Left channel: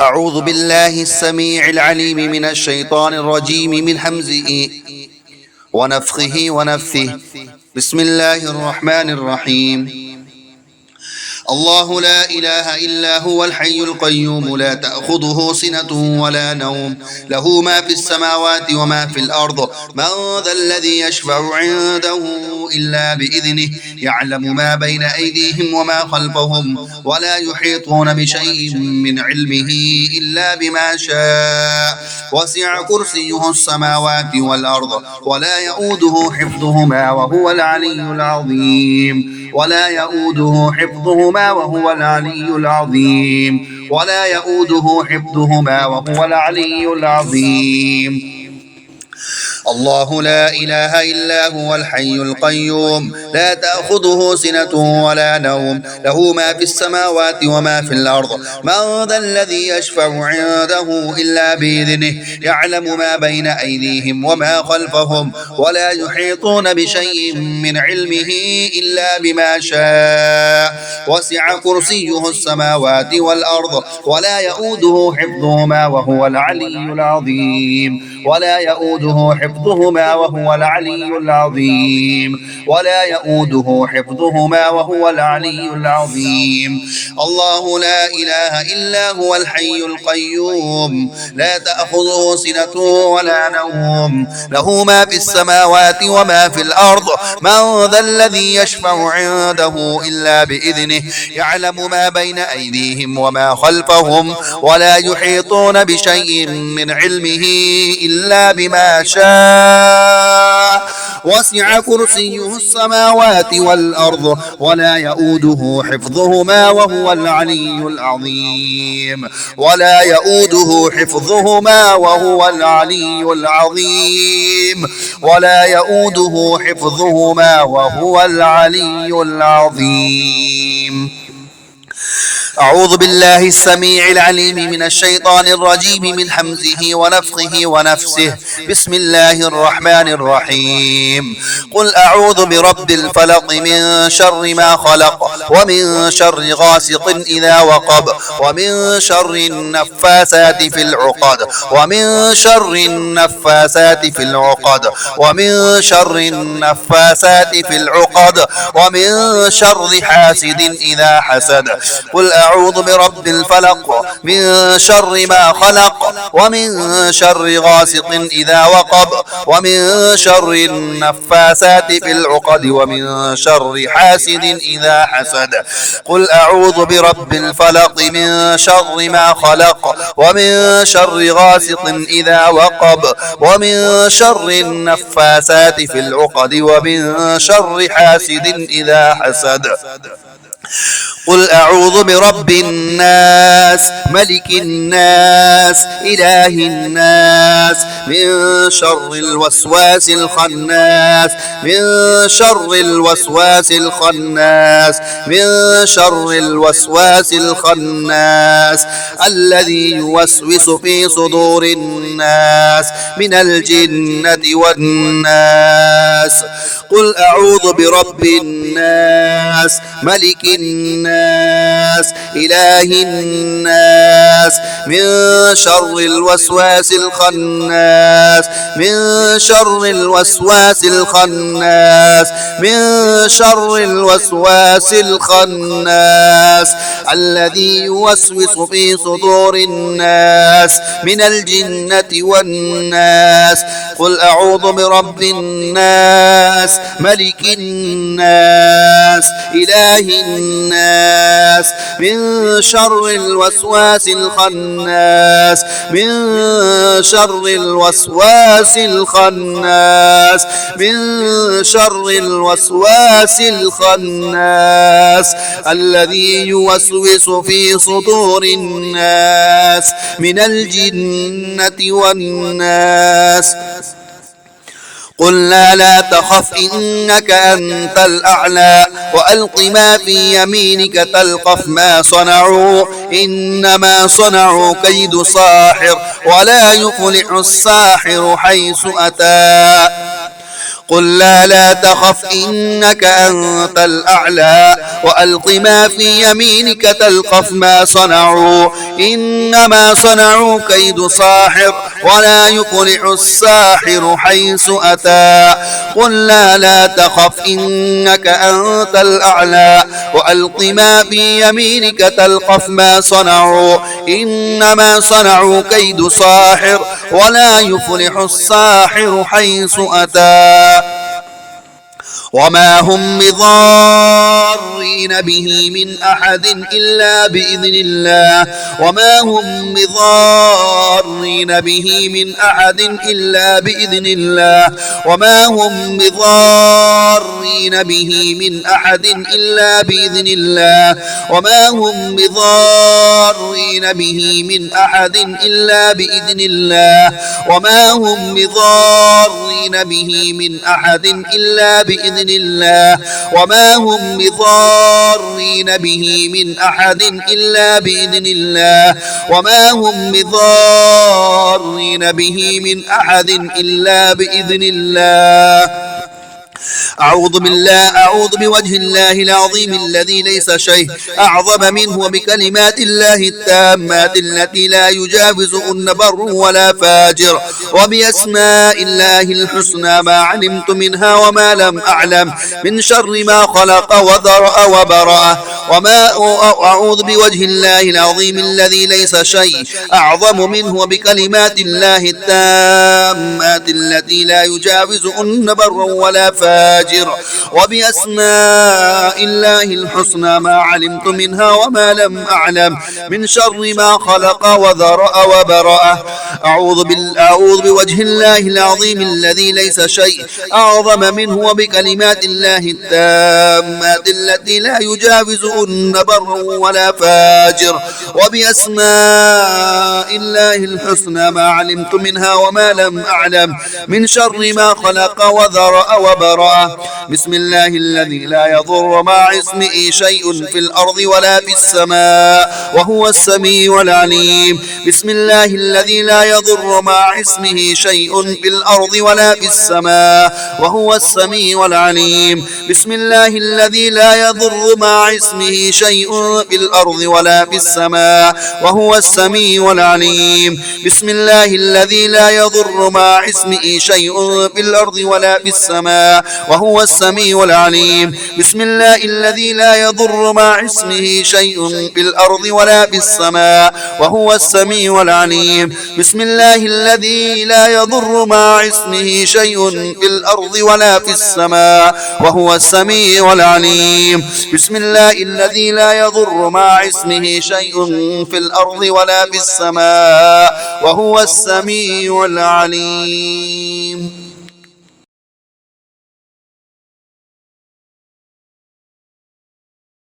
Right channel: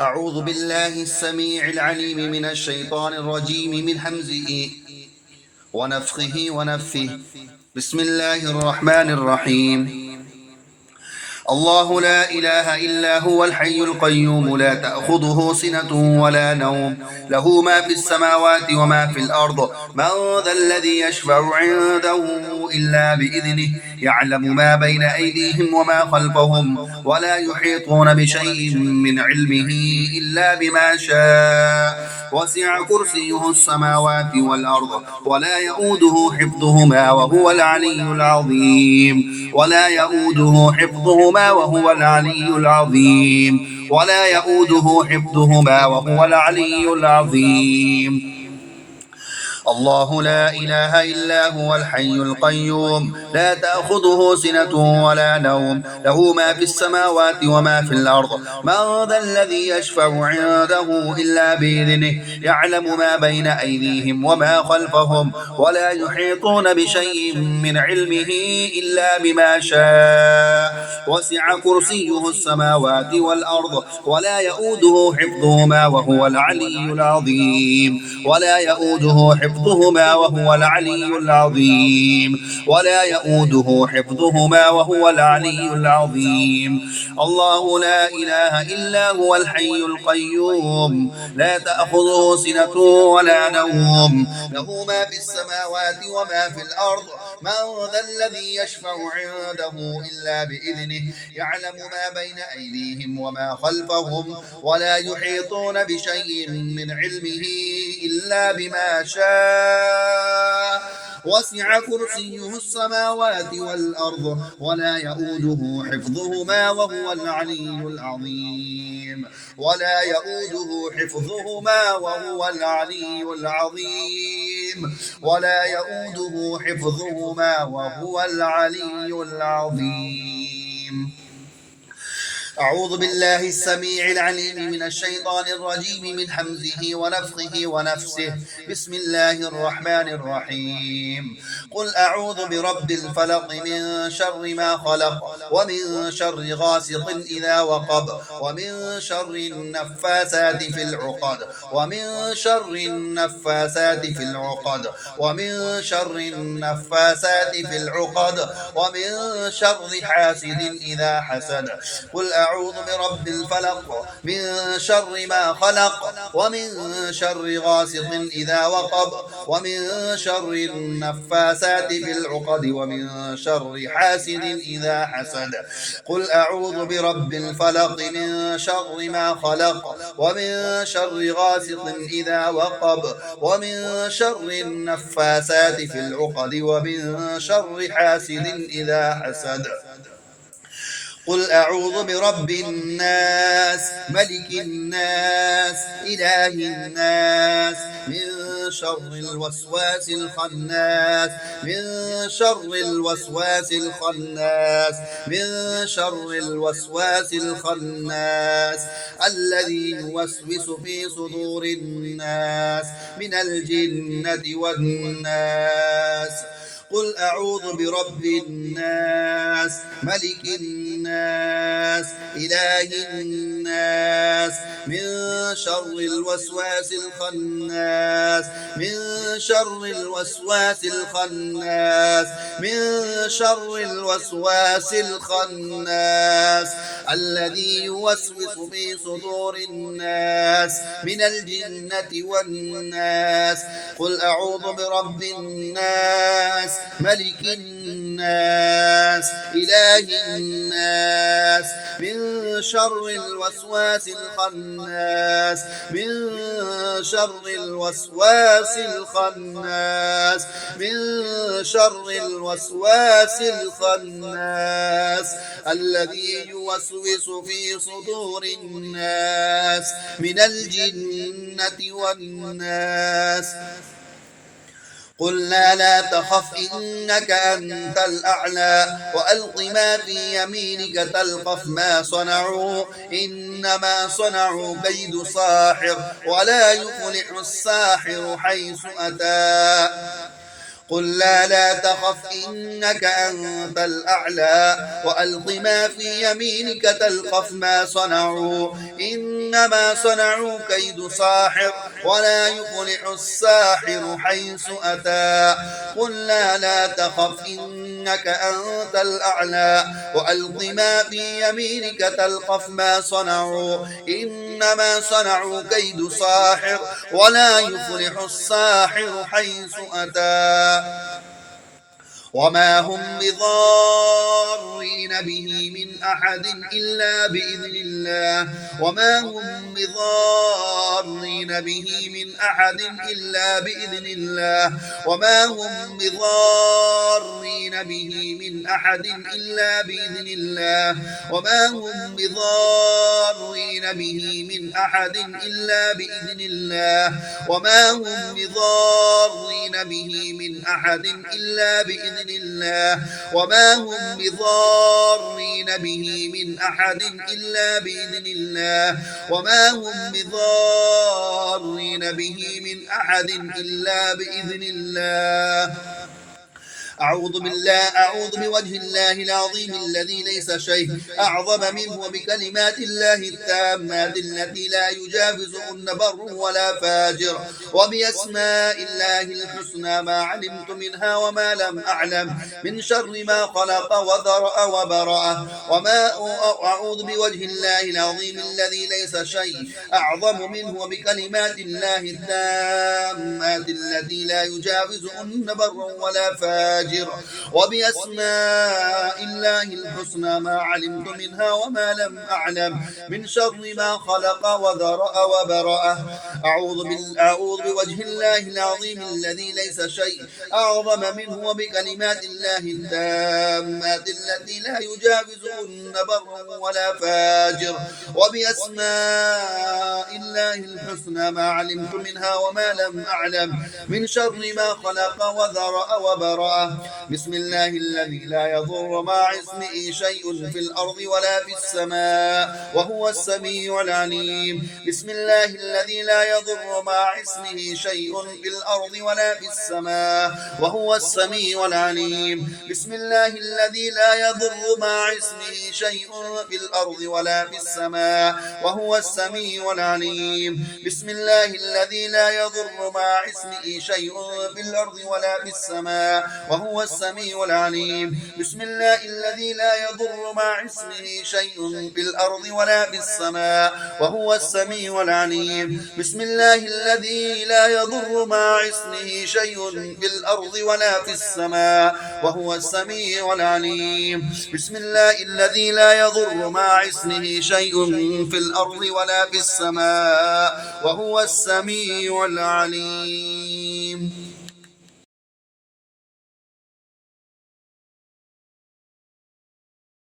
أعوذ بالله السميع العليم من الشيطان الرجيم من همزه ونفخه ونفثه. بسم الله الرحمن الرحيم. الله لا إله إلا هو الحي القيوم لا تأخذه سنة ولا نوم له ما في السماوات وما في الأرض من ذا الذي يشفع عنده إلا بإذنه يعلم ما بين أيديهم وما خلفهم ولا يحيطون بشيء من علمه إلا بما شاء وسع كرسيه السماوات والأرض ولا يؤوده حفظهما وهو العلي العظيم ولا يؤوده حفظهما وهو العلي العظيم ولا يؤوده حفظهما وهو العلي العظيم. الله لا إله إلا هو الحي القيوم لا تأخذه سنة ولا نوم له ما في السماوات وما في الأرض من ذا الذي يشفع عنده إلا بإذنه يعلم ما بين أيديهم وما خلفهم ولا يحيطون بشيء من علمه إلا بما شاء وسع كرسيه السماوات والأرض ولا يؤوده حفظهما وهو العلي العظيم ولا يؤوده حفظهما وهو العلي العظيم ولا يؤوده حفظهما وهو العلي العظيم. الله لا إله إلا هو الحي القيوم لا تأخذه سنة ولا نوم له ما في السماوات وما في الأرض من ذا الذي يشفع عنده إلا بإذنه يعلم ما بين أيديهم وما خلفهم ولا يحيطون بشيء من علمه إلا بما شاء وسع كرسيه السماوات والأرض ولا يؤوده حفظهما وهو العلي العظيم ولا يؤوده حفظهما وهو العلي العظيم ولا يؤوده حفظهما وهو العلي العظيم. أعوذ بالله السميع العليم من الشيطان الرجيم من همزه ونفخه ونفسه. بسم الله الرحمن الرحيم. قل أعوذ برب الفلق من شر ما خلق ومن شر غاسق إذا وقب ومن شر النفاثات في العقد ومن شر النفاثات في العقد ومن شر النفاثات في العقد ومن شر حاسد إذا حسد. قل أعوذ برب الفلق من شر ما خلق ومن شر غاسق إذا وقب ومن شر النفاثات في العقد ومن شر حاسد إذا حسد. قل أعوذ برب الفلق من شر ما خلق ومن شر غاسق إذا وقب ومن شر النفاثات في العقد ومن شر حاسد إذا حسد. قل أعوذ برب الناس ملك الناس إله الناس من شر الوسواس الخناس من شر الوسواس الخناس من شر الوسواس الخناس الذي يوسوس في صدور الناس من الجنة والناس. قل أعوذ برب الناس ملك الناس إله الناس من شر الوسواس الخناس من شر الوسواس الخناس من شر الوسواس الخناس الذي يوسوس في صدور الناس من الجنة والناس. قل أعوذ برب الناس ملك الناس إله الناس من شر الوسواس الخناس من شر الوسواس الخناس من شر الوسواس الخناس الذي يوسوس في صدور الناس من الجنة والناس. قلنا لا تخف إنك أنت الأعلى وألق ما في يمينك تلقف ما صنعوا إنما صنعوا كيد ساحر ولا يفلح الساحر حيث أتى. قل لا تخف إنك أنت الأعلى وألق ما في يمينك تلقف ما صنعوا إنما صنعوا كيد ساحر ولا يفلح الساحر حيث أتى قل لا تخف إنك أنت الأعلى وألق ما في يمينك تلقف ما صنعوا إنما صنعوا كيد ساحر ولا يفلح الساحر حيث أتى وما هم بضارين به من أحد إلا بإذن الله وما هم بضارين به من أحد إلا بإذن الله وما هم بضارين به من أحد إلا بإذن الله وما هم بضارين به من أحد إلا بإذن الله وما هم بضارين به من أحد إلا بإذن الله وما هم بضارين به من أحد إلا بإذن الله وما هم بضارين به من أحد إلا بإذن الله أعوذ بوجه الله العظيم الذي ليس شيء أعظم منه وبكلمات الله التامات التي لا يجاوزهن بر ولا فاجر وبأسماء الله الحسنى ما علمت منها وما لم أعلم من شر ما خلق وذرأ وبرأ أعوذ بوجه الله العظيم الذي ليس شيء أعظم منه وبكلمات الله التامات التي لا يجاوزهن بر ولا فاجر وبأسماء الله الحسنى ما علمت منها وما لم أعلم من شر ما خلق وذرأ وبرأ أعوذ بوجه الله العظيم الذي ليس شيء أعظم منه وبكلمات الله التامات التي لا يجاوزهن بر ولا فاجر وبأسماء الله الحسنى ما علمت منها وما لم أعلم من شر ما خلق وذرأ وبرأ بسم الله الذي لا يضر مع اسمه شيء في الأرض ولا في السماء وهو السميع العليم بسم الله الذي لا يضر مع اسمه شيء في الأرض ولا في السماء وهو السميع العليم بسم الله الذي لا يضر مع اسمه شيء في الأرض ولا في السماء وهو السميع العليم بسم الله الذي لا يضر مع اسمه شيء في الأرض ولا في السماء وهو السميع العليم بسم الله الذي لا يضر مع اسمه شيء في الأرض ولا في السماء وهو السميع العليم بسم الله الذي لا يضر مع اسمه شيء في الأرض ولا في السماء وهو السميع العليم بسم الله الذي لا يضر مع اسمه شيء في الأرض ولا في السماء وهو السميع العليم